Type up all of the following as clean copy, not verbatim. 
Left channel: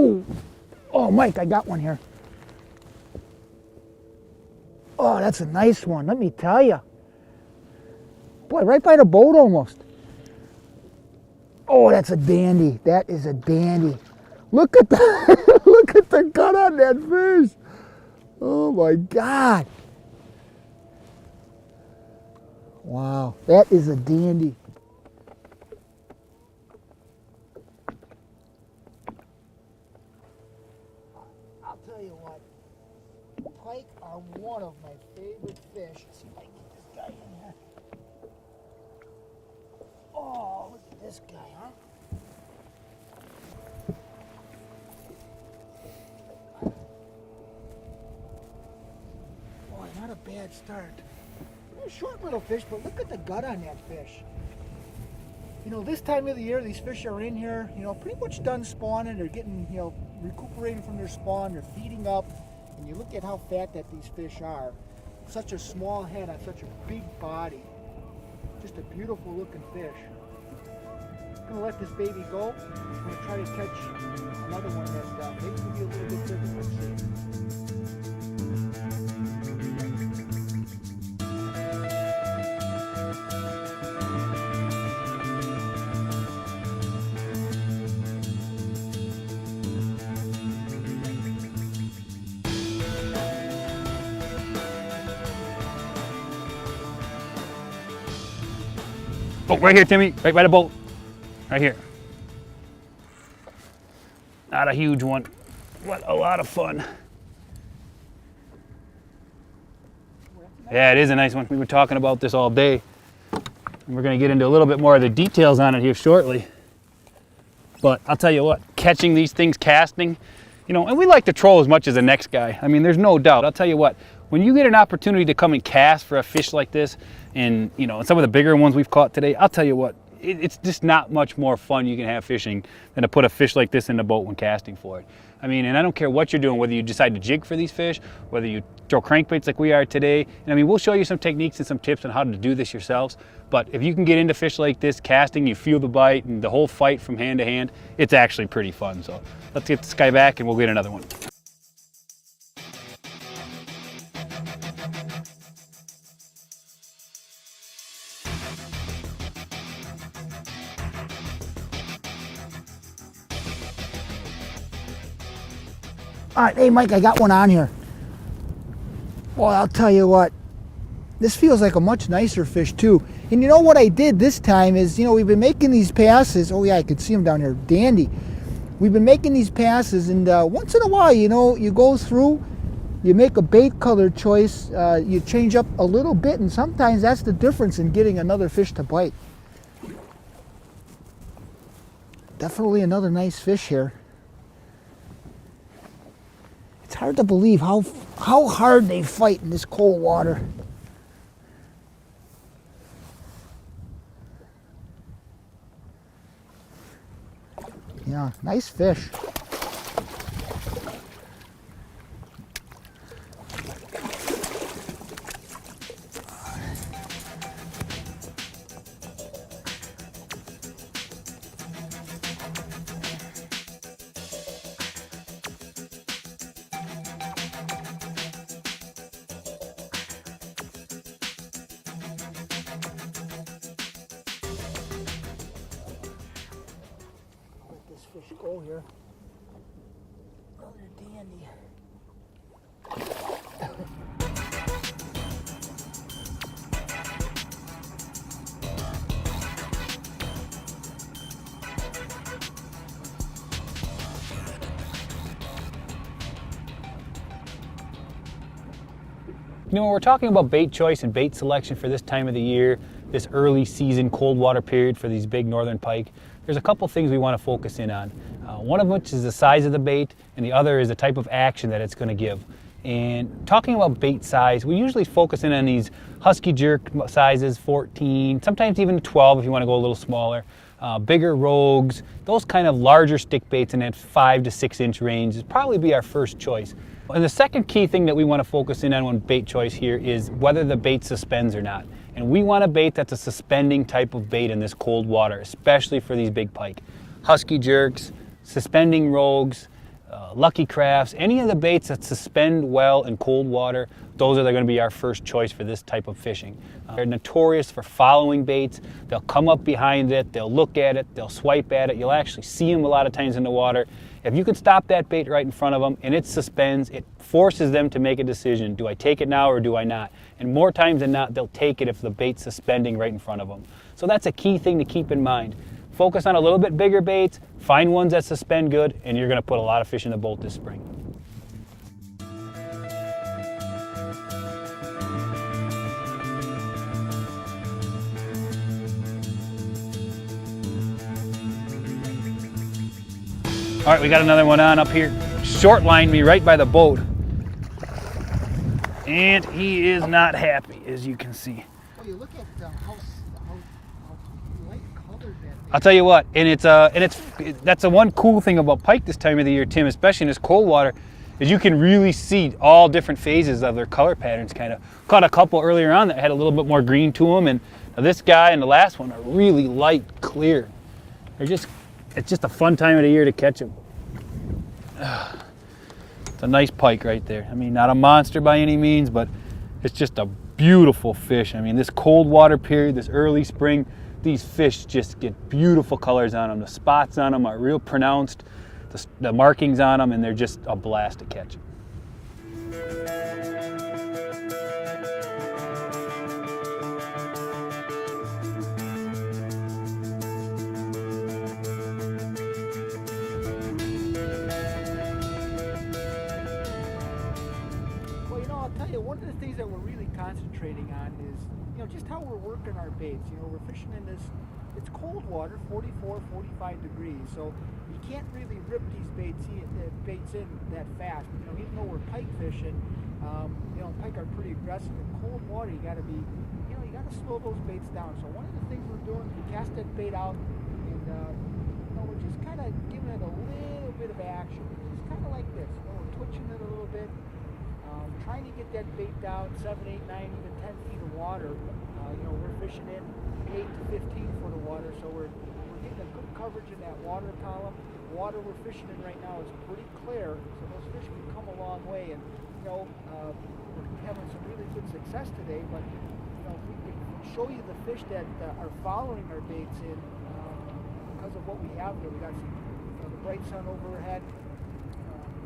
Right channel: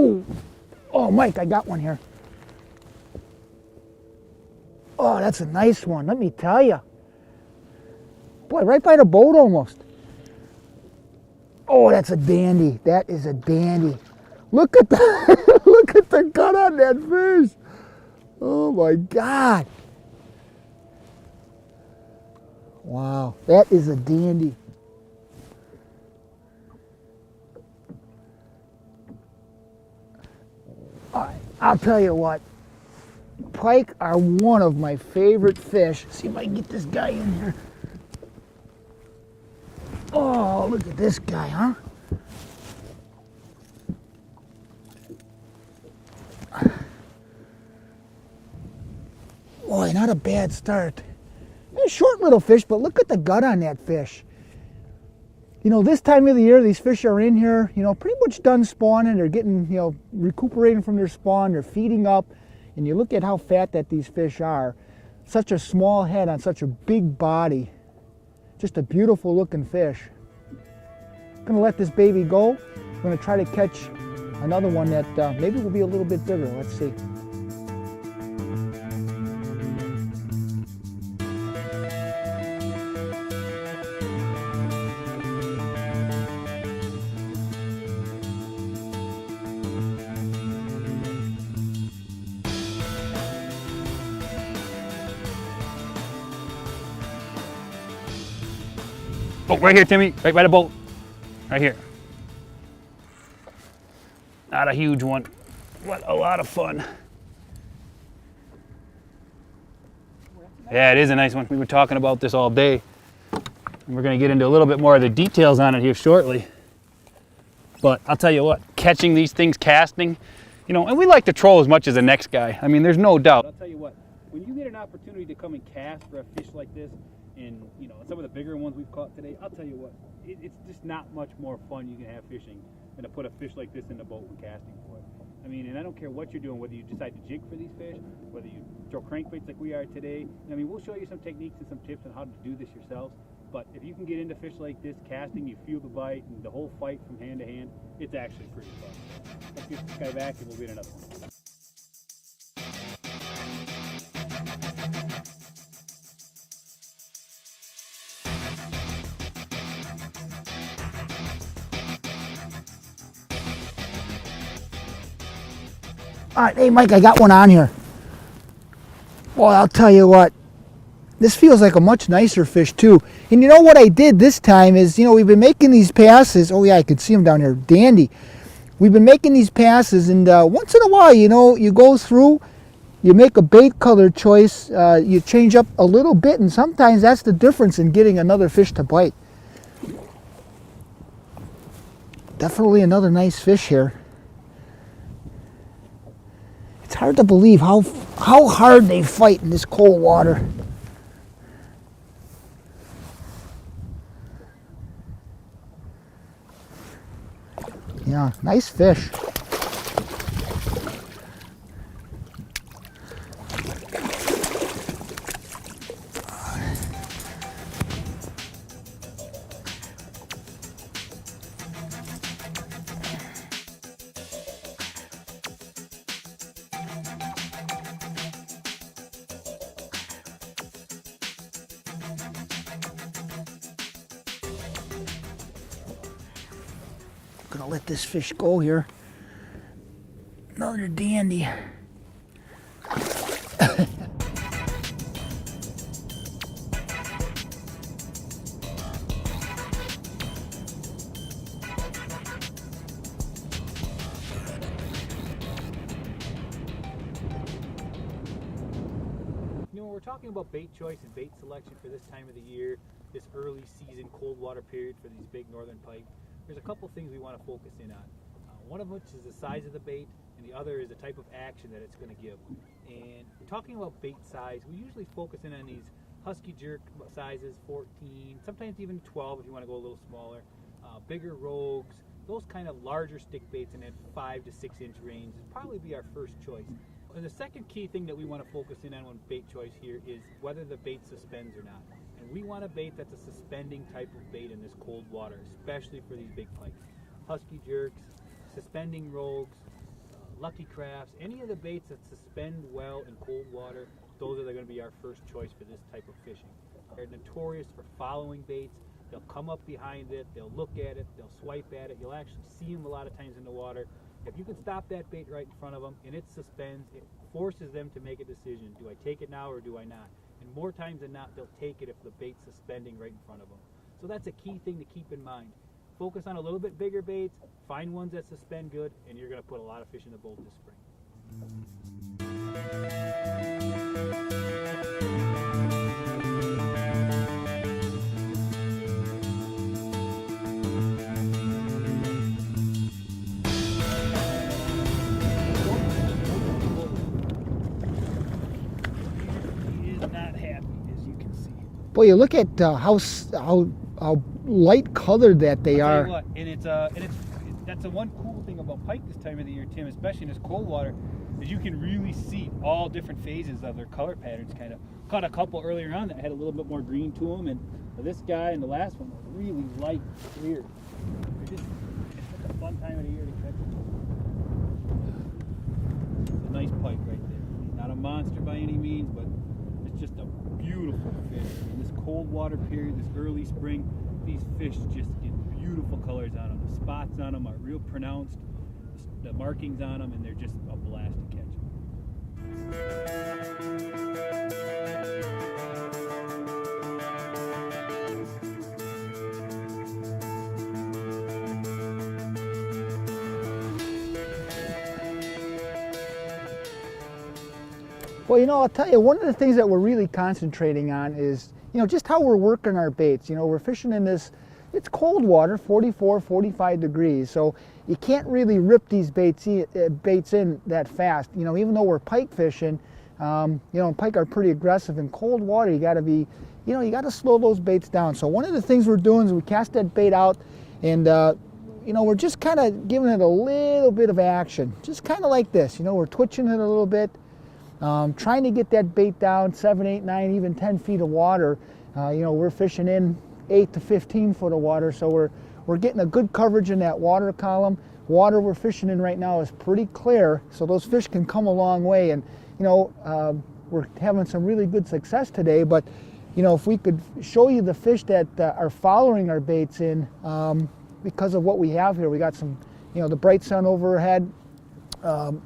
Oh, oh, Mike, I got one here. Oh, that's a nice one, let me tell you. Boy, right by the boat almost. Oh, that's a dandy. That is a dandy. Look at the, look at the gut on that fish. Oh my God. Wow, that is a dandy. I'll tell you what, pike are one of my favorite fish. See if I can get this guy in here. Oh, look at this guy, huh? Boy, not a bad start. A short little fish, but look at the gut on that fish. You know, this time of the year, these fish are in here, you know, pretty much done spawning. They're getting, you know, recuperating from their spawn. They're feeding up. And you look at how fat that these fish are. Such a small head on such a big body. Just a beautiful looking fish. I'm gonna let this baby go. I'm gonna try to catch another one that maybe will be a little bit bigger. Let's see. Oh, right here, Timmy, right by the boat. Right here. Not a huge one, but a lot of fun. Yeah, it is a nice one. We were talking about this all day. And we're gonna get into a little bit more of the details on it here shortly. But I'll tell you what, catching these things, casting, you know, and we like to troll as much as the next guy. I mean, there's no doubt. I'll tell you what, when you get an opportunity to come and cast for a fish like this, and you know, some of the bigger ones we've caught today, I'll tell you what, it's just not much more fun you can have fishing than to put a fish like this in the boat when casting for it. I mean, and I don't care what you're doing, whether you decide to jig for these fish, whether you throw crankbaits like we are today. And I mean, we'll show you some techniques and some tips on how to do this yourselves. But if you can get into fish like this, casting, you feel the bite and the whole fight from hand to hand, it's actually pretty fun. So let's get this guy back and we'll get another one. All right, hey Mike, I got one on here. Well, I'll tell you what, this feels like a much nicer fish too. And you know what I did this time is, you know, we've been making these passes. Oh yeah, I could see them down there, dandy. We've been making these passes, and once in a while, you know, you go through, you make a bait color choice, you change up a little bit, and sometimes that's the difference in getting another fish to bite. Definitely another nice fish here. It's hard to believe how hard they fight in this cold water. Yeah, nice fish. Gonna let this fish go here. Another dandy. You know, when we're talking about bait choice and bait selection for this time of the year, this early season cold water period for these big northern pike, there's a couple things we want to focus in on. One of which is the size of the bait, and the other is the type of action that it's going to give. And talking about bait size, we usually focus in on these husky jerk sizes, 14, sometimes even 12 if you want to go a little smaller. Bigger rogues, those kind of larger stick baits in that 5 to 6 inch range is probably be our first choice. And the second key thing that we want to focus in on when bait choice here is whether the bait suspends or not. And we want a bait that's a suspending type of bait in this cold water, especially for these big pike. Husky jerks, suspending rogues, Lucky Crafts, any of the baits that suspend well in cold water, those are going to be our first choice for this type of fishing. They're notorious for following baits. They'll come up behind it, they'll look at it, they'll swipe at it. You'll actually see them a lot of times in the water. If you can stop that bait right in front of them and it suspends, it forces them to make a decision. Do I take it now or do I not? And more times than not, they'll take it if the bait's suspending right in front of them. So that's a key thing to keep in mind. Focus on a little bit bigger baits, find ones that suspend good, and you're going to put a lot of fish in the boat this spring. All right, we got another one on up here. Short lined me right by the boat. And he is not happy, as you can see. Boy, you look at how light colored that they are. I'll tell you what, and that's the one cool thing about pike this time of the year, Tim, especially in this cold water, is you can really see all different phases of their color patterns. Kind of caught a couple earlier on that had a little bit more green to them, and this guy and the last one are really light, clear. It's just a fun time of the year to catch them. It's a nice pike right there. I mean, not a monster by any means, but it's just a beautiful fish. I mean, this cold water period, this early spring, these fish just get beautiful colors on them. The spots on them are real pronounced, the markings on them, and they're just a blast to catch. Well, you know, I'll tell you, one of the things that we're really concentrating on is, you know, just how we're working our baits. You know, we're fishing in this, it's cold water, 44, 45 degrees, so you can't really rip these baits in that fast. You know, even though we're pike fishing, you know, pike are pretty aggressive. In cold water, you gotta be, you know, you gotta slow those baits down. So one of the things we're doing is we cast that bait out and, you know, we're just kind of giving it a little bit of action. Just kind of like this, you know, we're twitching it a little bit. Trying to get that bait down 7, 8, 9, even 10 feet of water. You know, we're fishing in 8 to 15 foot of water, so we're getting a good coverage in that water column. Water we're fishing in right now is pretty clear, so those fish can come a long way. And you know, we're having some really good success today. But you know, if we could show you the fish that are following our baits in, because of what we have here, we got some, you know, the bright sun overhead.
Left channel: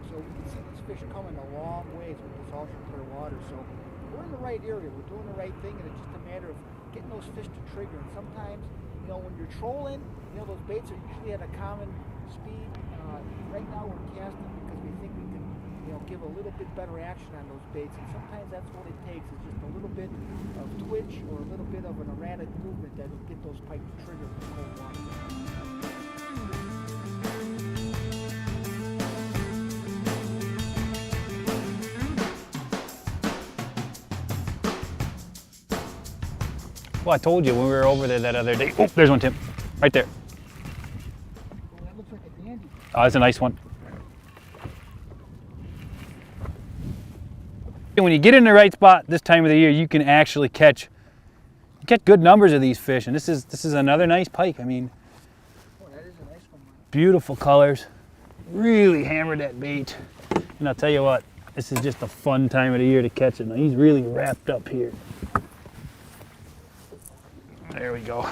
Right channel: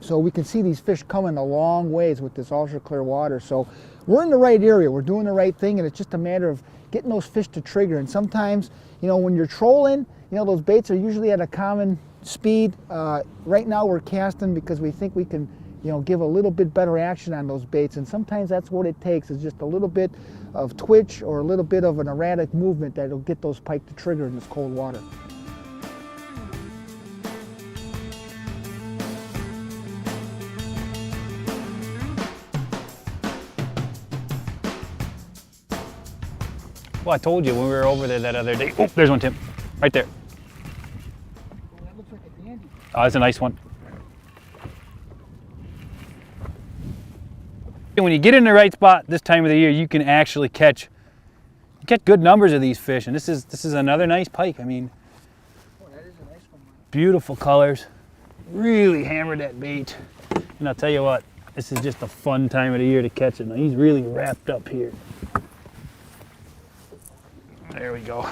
So we can see these fish coming a long ways with this ultra clear water. So we're in the right area, we're doing the right thing, and it's just a matter of getting those fish to trigger. And sometimes, you know, when you're trolling, you know, those baits are usually at a common speed. Right now we're casting because we think we can, you know, give a little bit better action on those baits, and sometimes that's what it takes, is just a little bit of twitch or a little bit of an erratic movement that'll get those pike to trigger in this cold water. Well, I told you when we were over there that other day. Oh, there's one, Tim. Right there. Well, that looks like a dandy. Oh, that's a nice one. And when you get in the right spot this time of the year, you can actually catch good numbers of these fish. And this is another nice pike. I mean, oh, that is a nice one, Mike. Beautiful colors. Really hammered that bait. And I'll tell you what, this is just a fun time of the year to catch it. Now, he's really wrapped up here. There we go.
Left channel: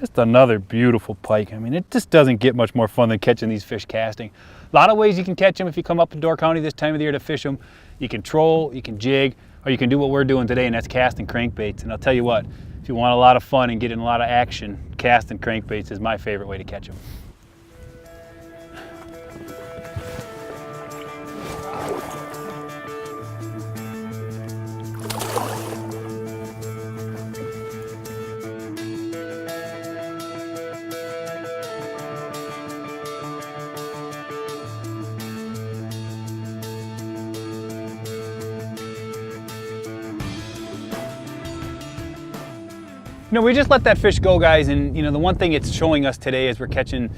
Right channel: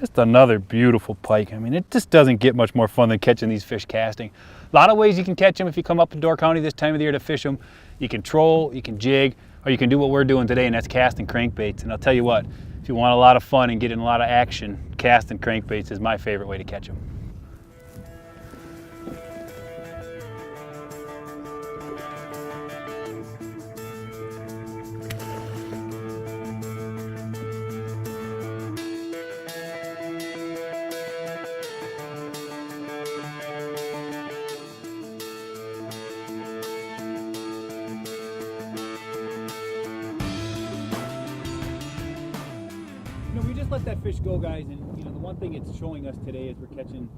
Just another beautiful pike. I mean, it just doesn't get much more fun than catching these fish casting. A lot of ways you can catch them if you come up to Door County this time of the year to fish them. You can troll, you can jig, or you can do what we're doing today, and that's casting crankbaits. And I'll tell you what, if you want a lot of fun and get in a lot of action, casting crankbaits is my favorite way to catch them. You know, we just let that fish go, guys, and you know, the one thing it's showing us today as we're catching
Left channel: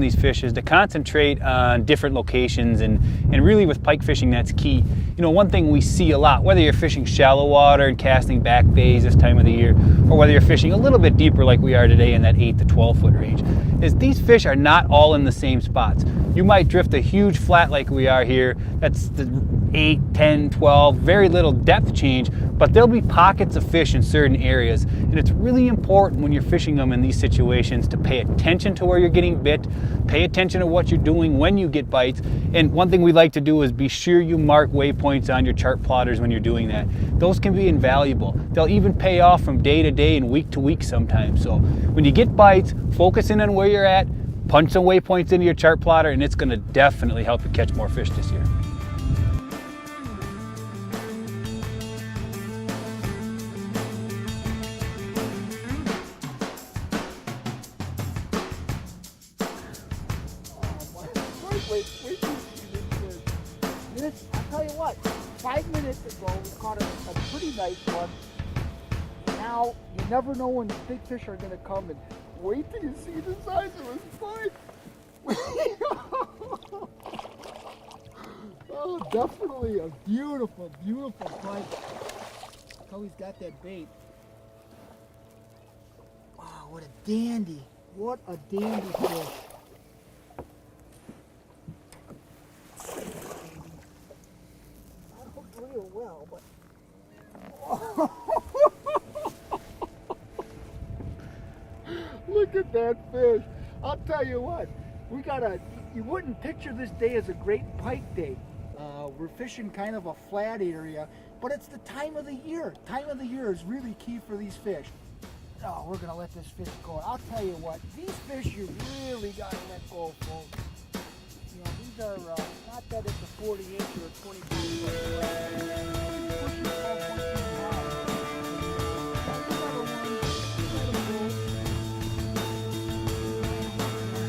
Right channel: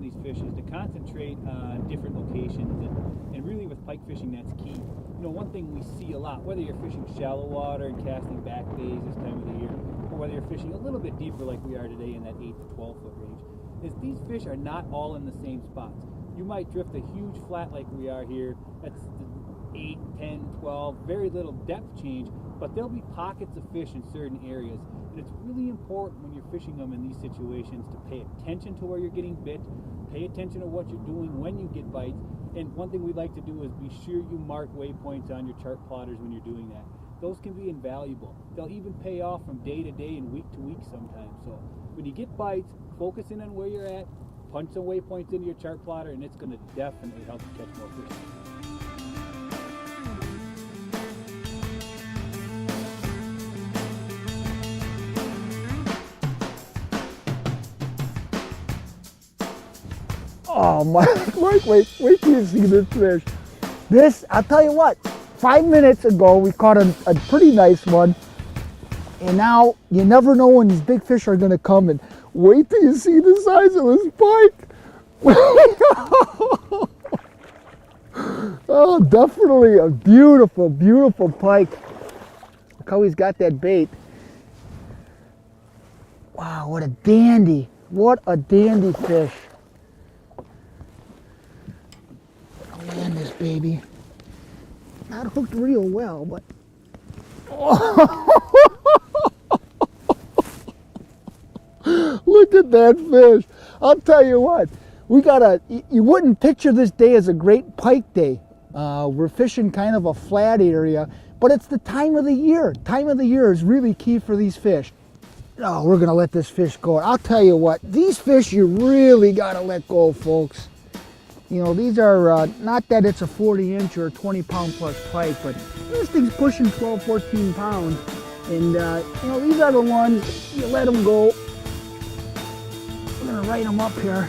these fish is to concentrate on different locations, and really with pike fishing, that's key. You know, one thing we see a lot, whether you're fishing shallow water and casting back bays this time of the year, or whether you're fishing a little bit deeper like we are today in that 8 to 12 foot range, is these fish are not all in the same spots. You might drift a huge flat like we are here, that's the 8, 10, 12, very little depth change, but there'll be pockets of fish in certain areas, and it's really important when you're fishing them in these situations to pay attention to where you're getting bit, pay attention to what you're doing when you get bites, and one thing we like to do is be sure you mark waypoints on your chart plotters when you're doing that. Those can be invaluable. They'll even pay off from day to day and week to week sometimes. So when you get bites, focus in on where you're at, punch some waypoints into your chart plotter, and it's going to definitely help you catch more fish this year. Oh my, Mike, wait till you see this fish. This, I'll tell you what, 5 minutes ago we caught a pretty nice one, and now you never know when these big fish are gonna come, and wait till you see the size of this pike. Oh, definitely a beautiful, beautiful pike. Look how he's got that bait. Wow, what a dandy. What a dandy fish. Land this baby. Not hooked real well, but look at that fish. I'll tell you what, you wouldn't picture this day as a great pike day. We're fishing kind of a flat area, but it's the time of the year. Time of the year is really key for these fish. Oh, we're gonna let this fish go. I'll tell you what, these fish you really gotta let go, folks. You know, these are, not that it's a 40-inch or a 20-pound plus pike, but this thing's pushing 12, 14 pounds. And, you know, these are the ones, you let them go. I'm gonna write them up here.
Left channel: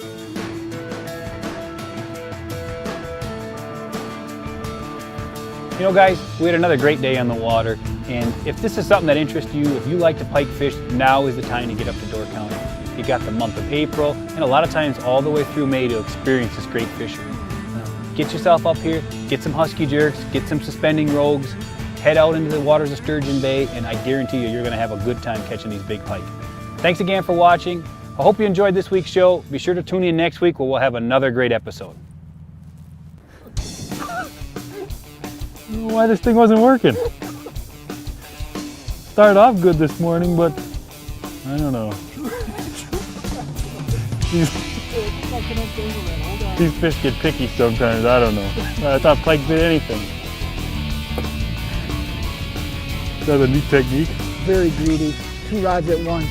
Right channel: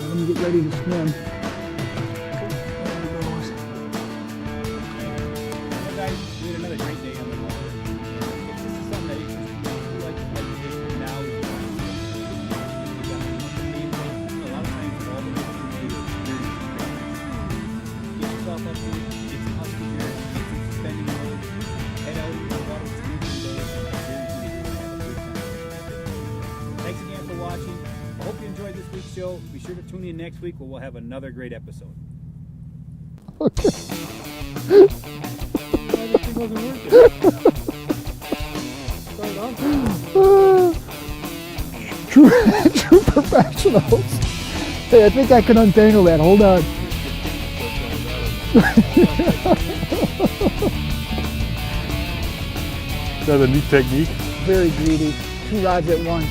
Let me get ready to swim. You know, guys, we had another great day on the water, and if this is something that interests you, if you like to pike fish, now is the time to get up to Dorchtown. You got the month of April, and a lot of times all the way through May to experience this great fishing. Get yourself up here, get some husky jerks, get some suspending rogues, head out into the waters of Sturgeon Bay, and I guarantee you, you're gonna have a good time catching these big pike. Thanks again for watching. I hope you enjoyed this week's show. Be sure to tune in next week where we'll have another great episode. Why this thing wasn't working? Started off good this morning, but I don't know. True professional. Hey, I think I can untangle that. Hold on. These fish get picky sometimes. I don't know. I thought pike did anything. That's a neat technique. Very greedy. 2 rods at once.